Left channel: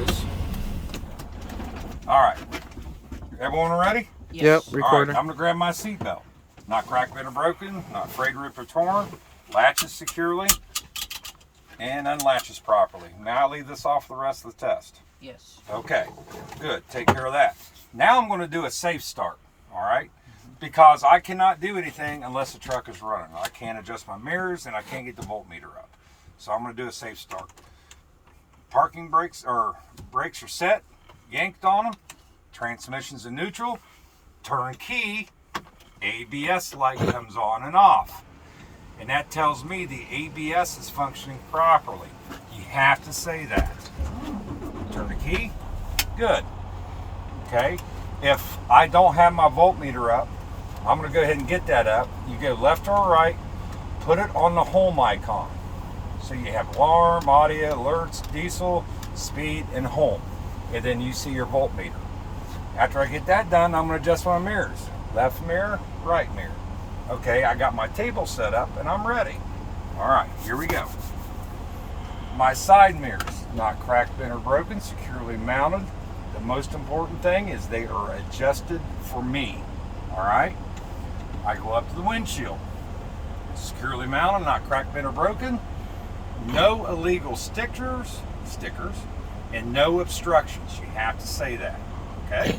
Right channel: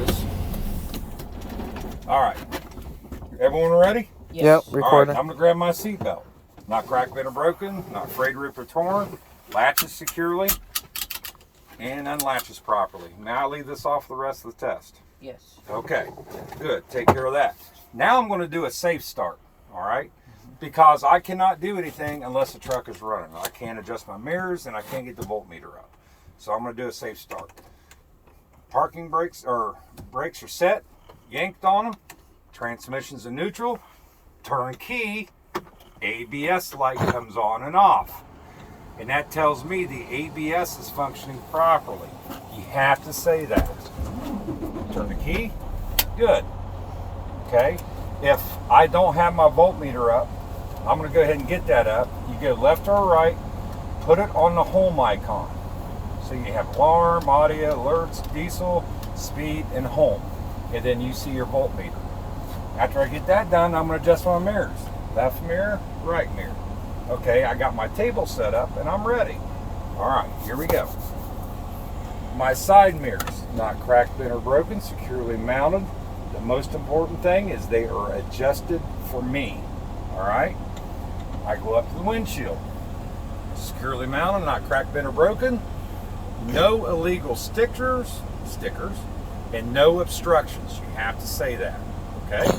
this. All right. Everyone ready? Yes. Yep, recording. All right, I'm going to grab my seatbelt. Not cracked, bent, or broken. Not afraid, ripped, or torn. Latches securely. And unlatches properly. Now I leave this off the rest of the test. Yes. Okay, good. Take care of that. Now I'm going to do a safe start. All right? Because I cannot do anything unless the truck is running. I can't adjust my mirrors and I can't get the voltmeter up. So I'm going to do a safe start. Parking brakes are set, yanked on them. Transmission's in neutral. Turn key. ABS light comes on and off. And that tells me the ABS is functioning properly. You have to say that. Turn the key. Good. Okay. If I don't have my voltmeter up, I'm going to go ahead and get that up. You go left or right, put it on the home icon. So you have alarm, audio, alerts, diesel, speed, and home. And then you see your voltmeter. After I get that done, I'm going to adjust my mirrors. Left mirror, right mirror. Okay, I got my table set up and I'm ready. All right, here we go. My side mirrors, not cracked, bent, or broken, securely mounted. The most important thing is they are adjusted for me. All right, I go up to the windshield. Securely mounted, not cracked, bent, or broken. No illegal stickers, and no obstructions. You have to say that, okay?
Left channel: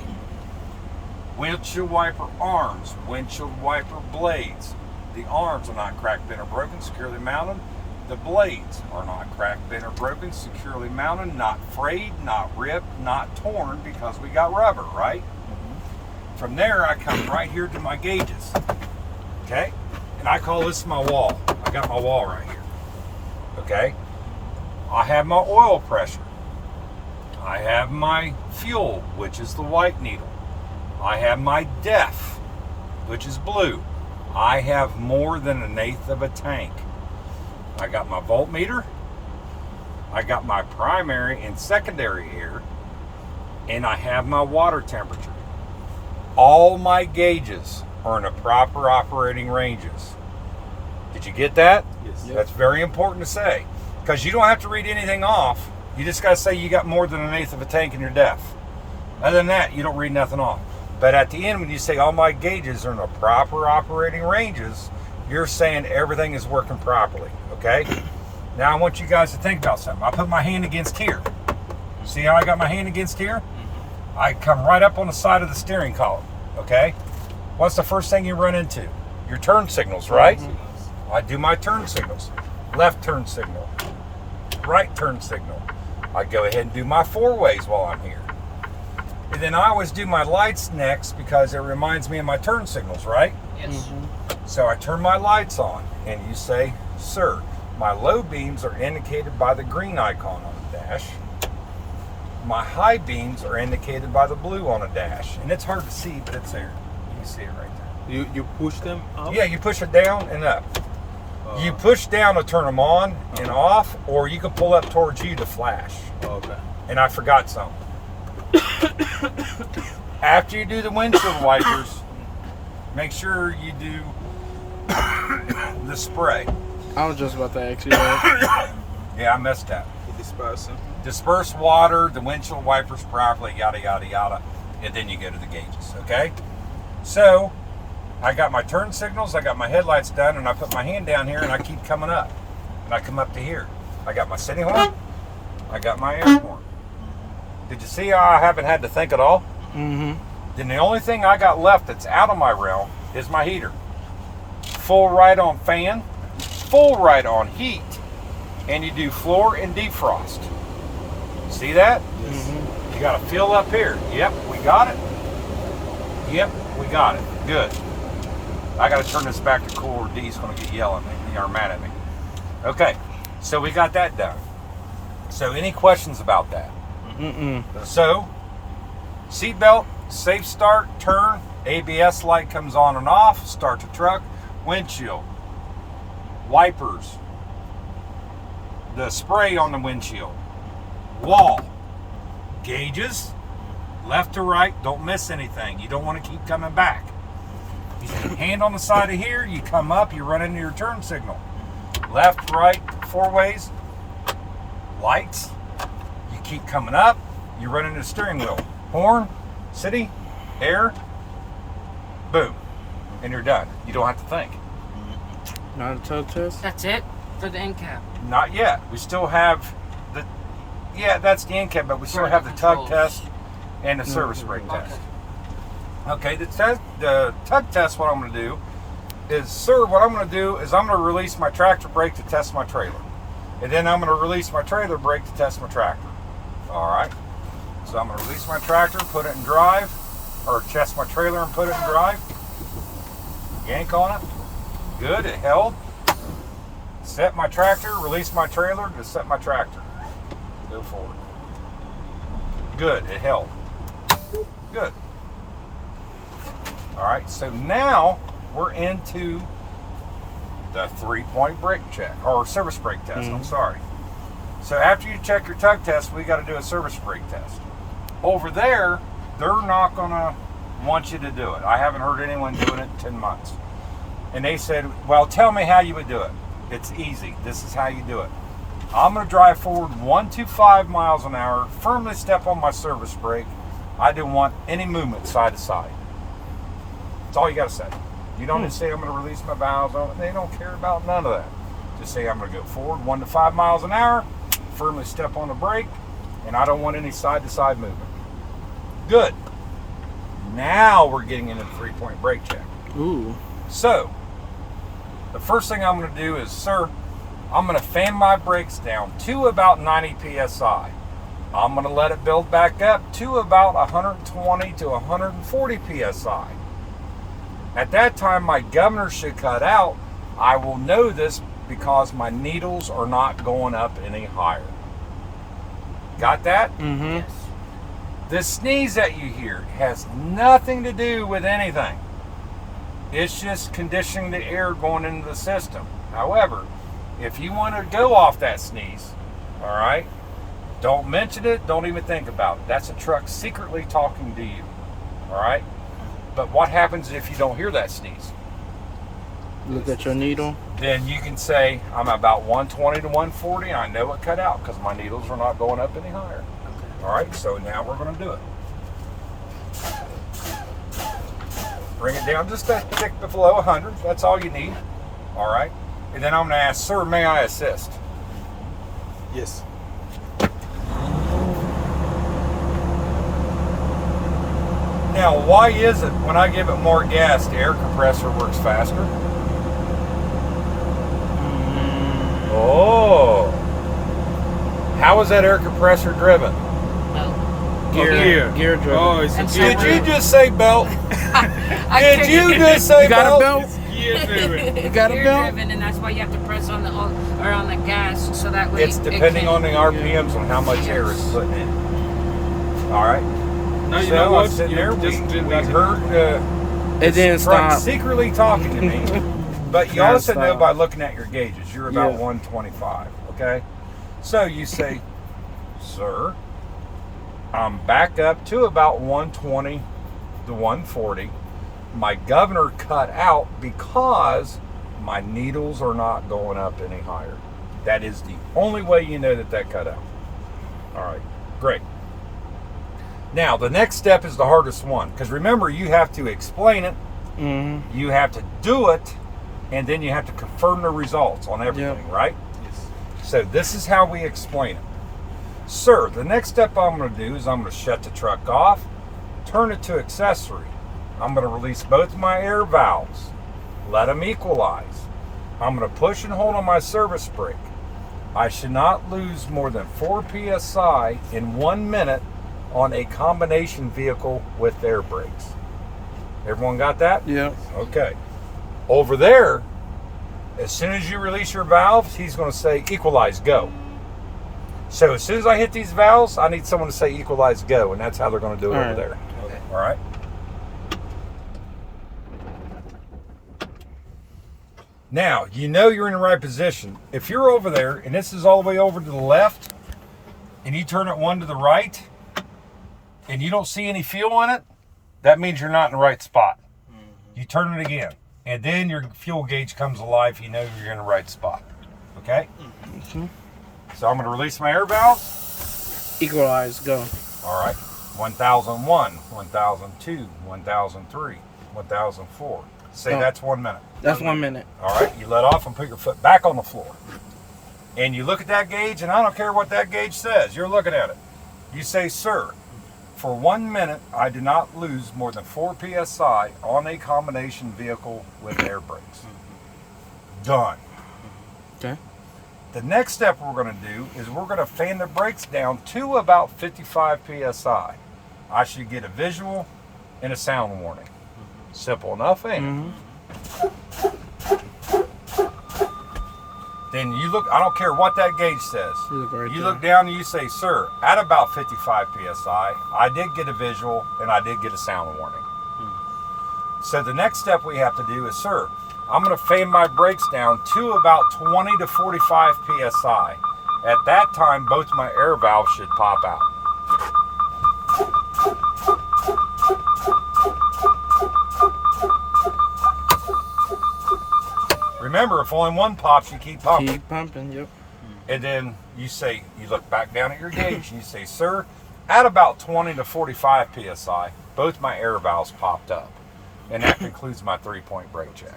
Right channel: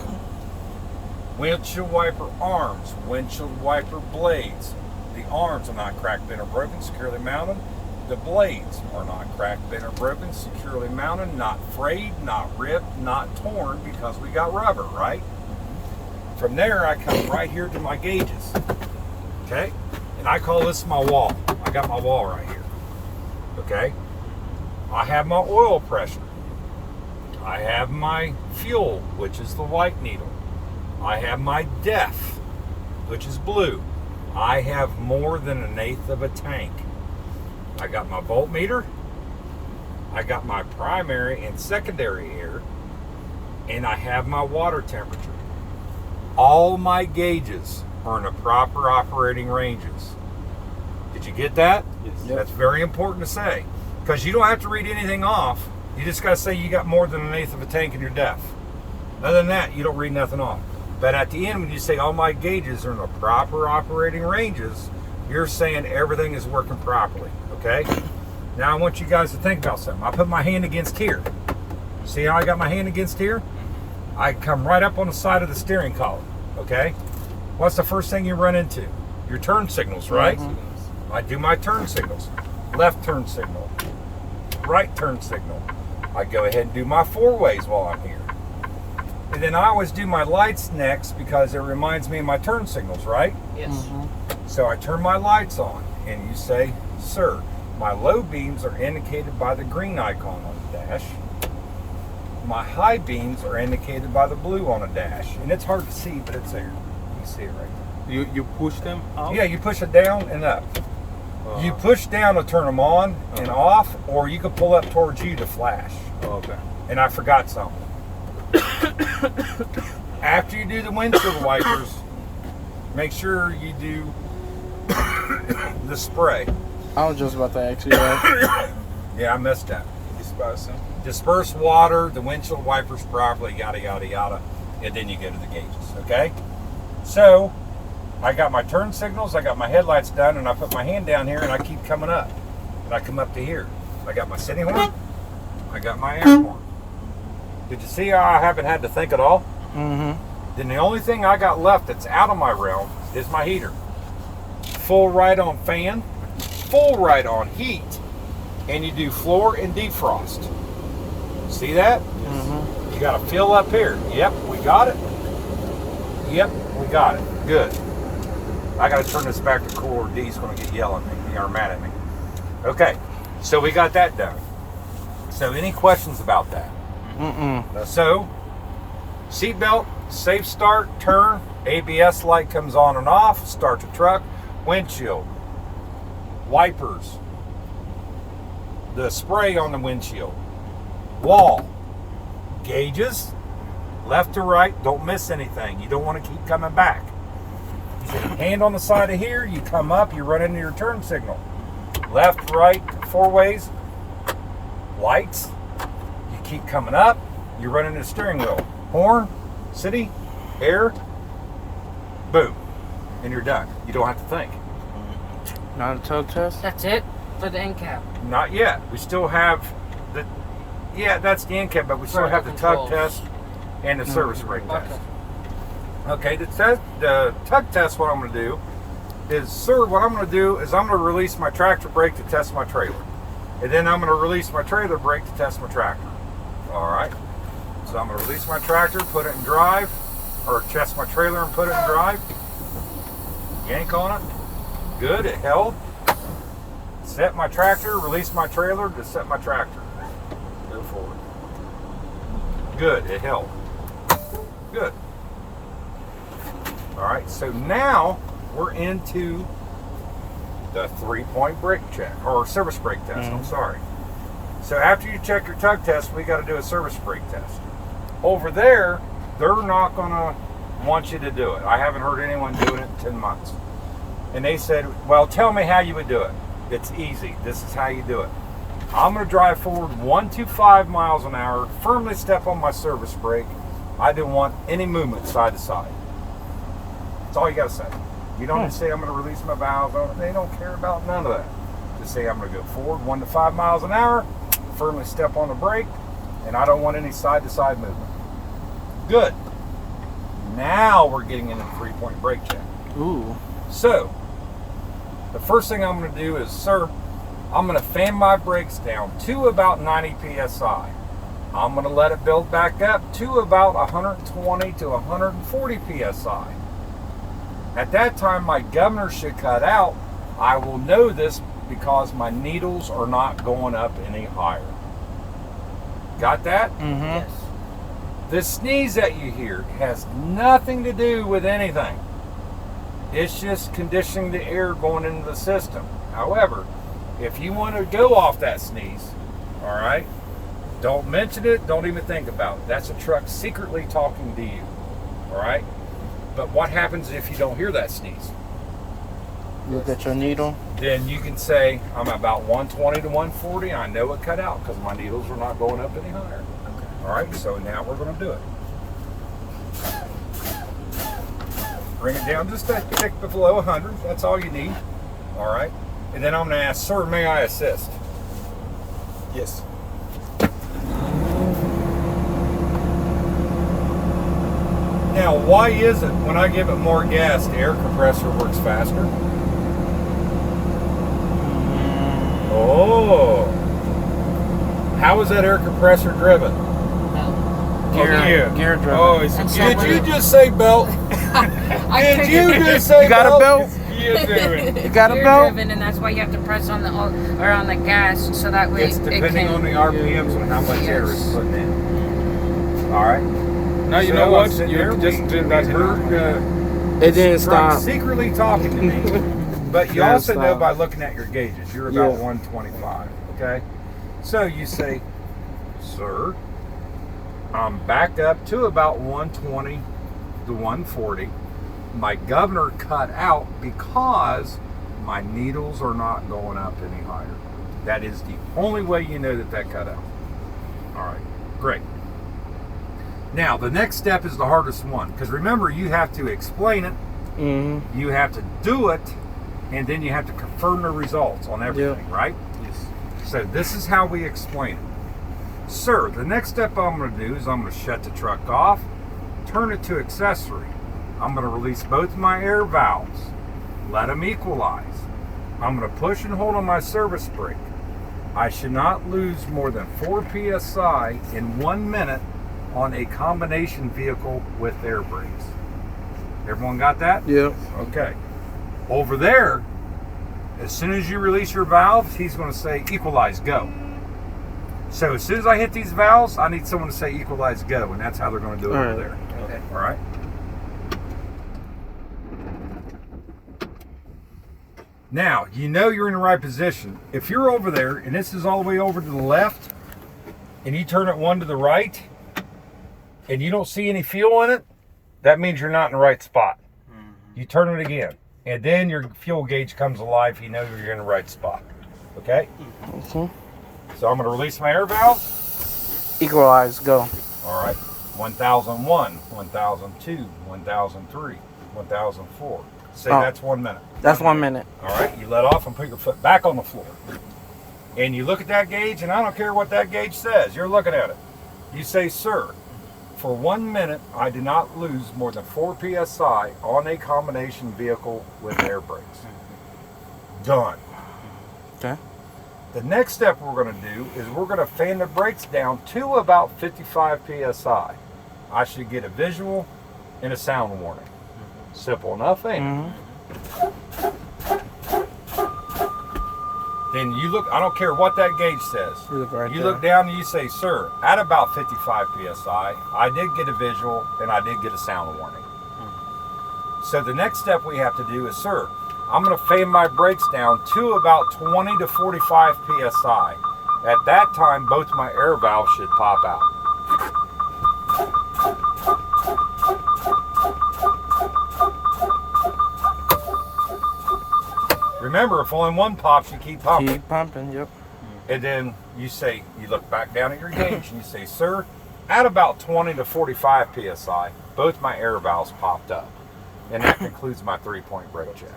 Windshield wiper arms, windshield wiper blades. The arms are not cracked, bent, or broken, securely mounted. The blades are not cracked, bent, or broken, securely mounted, not frayed, not ripped, not torn, because we got rubber, right? From there, I come right here to my gauges, okay? And I call this my wall. I got my wall right here, okay? I have my oil pressure. I have my fuel, which is the white needle. I have my def, which is blue. I have more than 1/8 of a tank. I got my voltmeter. I got my primary and secondary here. And I have my water temperature. All my gauges are in the proper operating ranges. Did you get that? Yes. Yep. That's very important to say. Because you don't have to read anything off. You just got to say you got more than 1/8 of a tank in your def. Other than that, you don't read nothing off. But at the end, when you say all my gauges are in the proper operating ranges, you're saying everything is working properly, okay? Now I want you guys to think about something. I put my hand against here. See how I got my hand against here? I come right up on the side of the steering column, okay? What's the first thing you run into? Your turn signals, right? I do my turn signals. Left turn signal, right turn signal. I go ahead and do my 4-ways while I'm here. And then I always do my lights next because it reminds me of my turn signals, right? Yes. So I turn my lights on and you say, sir, my low beams are indicated by the green icon on the dash. My high beams are indicated by the blue on the dash. And it's hard to see, but it's there. You can see it right there. You push them up? Yeah, you push it down and up. You push down to turn them on and off, or you can pull up towards you to flash. Okay. And I forgot something. After you do the windshield wipers, make sure you do the spray. I was just about to ask you that. Yeah, I messed up. Dispersing. Disperse water, the windshield wipers properly, yada, yada, yada. And then you go to the gauges, okay? So, I got my turn signals, I got my headlights done, and I put my hand down here and I keep coming up. And I come up to here. I got my city horn, I got my air horn. Did you see how I haven't had to think at all? Mm-hmm. Then the only thing I got left that's out of my realm is my heater. Full right on fan, full right on heat, and you do floor and defrost. See that? Mm-hmm. You got to fill up here. Yep, we got it. Yep, we got it. Good. I got to turn this back to cool or D's going to get yelling at me or mad at me. Okay, so we got that done. So any questions about that? So, seatbelt, safe start, turn, ABS light comes on and off, start the truck, windshield, wipers, the spray on the windshield, wall, gauges, left to right, don't miss anything. You don't want to keep coming back. Hand on the side of here, you come up, you run into your turn signal. Left, right, 4 ways, lights, you keep coming up, You run into the steering wheel. Horn, city, air, boom. And you're done. You don't have to think. Not a tug test? That's it for the InCab. Not yet. We still have the, yeah, that's the InCab, but we still have the tug controls. test and the service brake test. Okay. Okay, the tug test, what I'm going to do is, sir, what I'm going to do is I'm going to release my tractor brake to test my trailer. And then I'm going to release my trailer brake to test my tractor. All right? So I'm going to release my tractor, put it in drive, or test my trailer and put it in drive. Yank on it. Good, it held. Set my tractor, release my trailer to set my tractor. Go forward. Good, it held. Good. All right, so now we're into the 3-point brake check, or service brake test, I'm sorry. So after you check your tug test, we got to do a service brake test. Over there, they're not going to want you to do it. I haven't heard anyone doing it in 10 months. And they said, well, tell me how you would do it. It's easy. This is how you do it. I'm going to drive forward 125 miles an hour, firmly step on my service brake. I don't want any movement side to side. That's all you got to say. You don't just say I'm going to release my valves on it. They don't care about none of that. Just say I'm going to go forward 1 to 5 miles an hour, firmly step on the brake, and I don't want any side to side movement. Good. Now we're getting into the 3-point brake check. Ooh. So, the first thing I'm going to do is, sir, I'm going to fan my brakes down to about 90 psi. I'm going to let it build back up to about 120 to 140 psi. At that time, my governor should cut out. I will know this because my needles are not going up any higher. Got that? Mm-hmm. Yes. This sneeze that you hear has nothing to do with anything. It's just conditioning the air going into the system. However, if you want to go off that sneeze, all right, don't mention it, don't even think about it. That's a truck secretly talking to you, all right? But what happens if you don't hear that sneeze? Look at your needle. Then you can say, I'm about 120 to 140, and I know it cut out because my needles are not going up any higher. Okay. All right, so now we're going to do it. Bring it down just a tick below 100. That's all you need. All right. And then I'm going to ask, sir, may I assist? Yes. Now, why is it when I give it more gas, the air compressor works faster? Oh. How is that air compressor driven? No. Gear driven. Oh, it's a And gear Did you driven. just say belt? I Did you just say You got a belt? Gear driven. You got a Gear belt? driven, and that's why you have to press on the or on the gas so that way It's it depending can, on the RPMs and how much air is Yes. putting in. All right. Now you So know what? I'm sitting You there, just we did that. heard It didn't truck stop. secretly talking to me. But you Gotta also know stop. by looking at your gauges, you're about Yeah. 125, okay? So you say, sir, I'm back up to about 120 to 140. My governor cut out because my needles are not going up any higher. That is the only way you know that cut out. All right, great. Now, the next step is the hardest one, because remember, you have to explain it, Mm-hmm. you have to do it, and then you have to confirm the results on everything, right? Yes. So this is how we explain it. Sir, the next step I'm going to do is I'm going to shut the truck off, turn it to accessory. I'm going to release both my air valves, let them equalize. I'm going to push and hold on my service brake. I should not lose more than 4 psi in 1 minute on a combination vehicle with air brakes. Everyone got that? Yep. Okay. Over there, as soon as you release your valves, he's going to say equalize, go. So as soon as I hit these valves, I need someone to say equalize, go, and that's how they're going to do it All over right. there. Okay. All right? Now, you know you're in the right position. If you're over there, and this is all the way over to the left, and you turn it one to the right, and you don't see any fuel in it, that means you're not in the right spot. You turn it again, and then your fuel gauge comes alive. You know you're in the right spot. Okay? Okay. So I'm going to release my air valve. Equalize, go. All All right. 1001, 1002, 1003, 1004. Say Oh. that's 1 minute. That's 1 minute. All right. You let off and put your foot back on the floor. And you look at that gauge, and I don't care what that gauge says. You're looking at it. You say, sir, for 1 minute, I did not lose more than 4 psi on a combination vehicle with air brakes. Done. Okay. The next step we're going to do is we're going to fan the brakes down to about 55 psi. I should get a visual and a sound warning. Simple enough, ain't it? Then you look, I don't care what that gauge says. You look right You there. look down and you say, sir, at about 55 psi, I did get a visual and I did get a sound warning. So the next step we have to do is, sir, I'm going to fan my brakes down to about 20 to 45 psi. At that time, both my air valves should pop out. Remember, if only one pops, you keep pumping. Keep pumping, yep. And then you say, you look back down at your gauge and you say, sir, at about 20 to 45 psi, both my air valves popped up. And that concludes my 3-point brake check.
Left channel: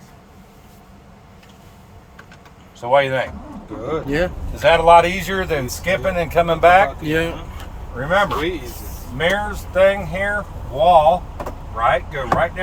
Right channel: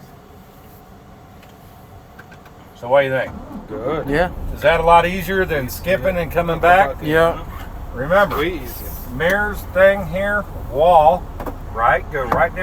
So what do you think? Good. Yeah. Is that a lot easier than skipping and coming back? Yeah. Remember, Way easier. mirrors thing here, wall, right? Go right down.